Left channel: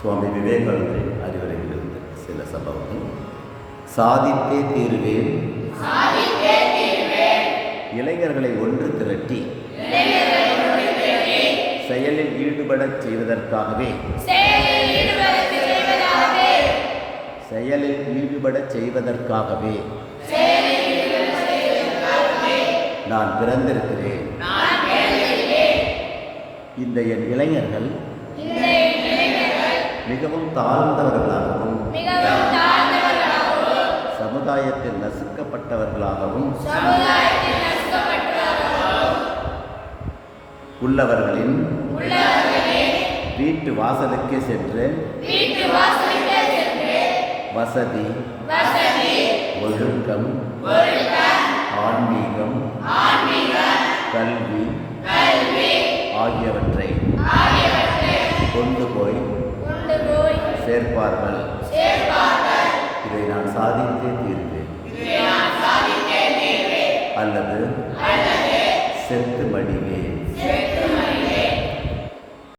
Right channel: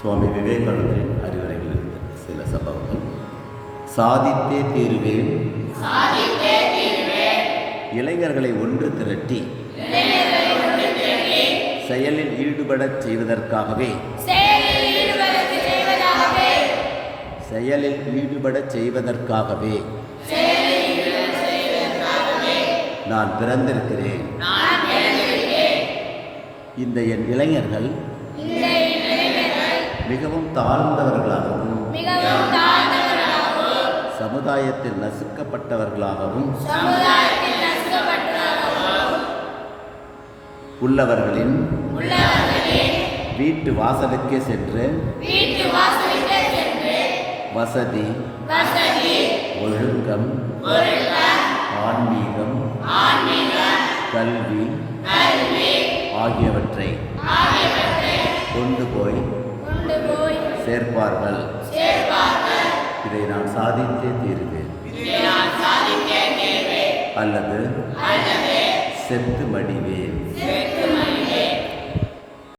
சுவாமி விவேகானந்தரின் அறிவுரைகளிலிருந்து சில சம்பவங்கள். சாதித்தே தீர்வேன். இளைஞர்களை ஒன்று திரட்டி செயலில் ஈடுபடச் செய்வதற்காகவே. செயலில் ஈடுபடச் செய்வதற்காகவே. நான் பிறந்திருக்கிறேன். இந்த என் இளைஞர்கள் மிகவும் தாழ்ந்தவர்களாகவும் சமுதாயத்தில் நசுக்கப்பட்டவர்களாகவும் உள்ளவர்களின் வீட்டு வாசலுக்கே சென்று வசதி ஒழுக்கம் ஆன்மீகம் கல்வி ஆகியவற்றை கொண்டு போய் சேர்ப்பார்கள். இதை நான் சாதித்தே தீருவேன். அல்லது செத்து மடிவேன்.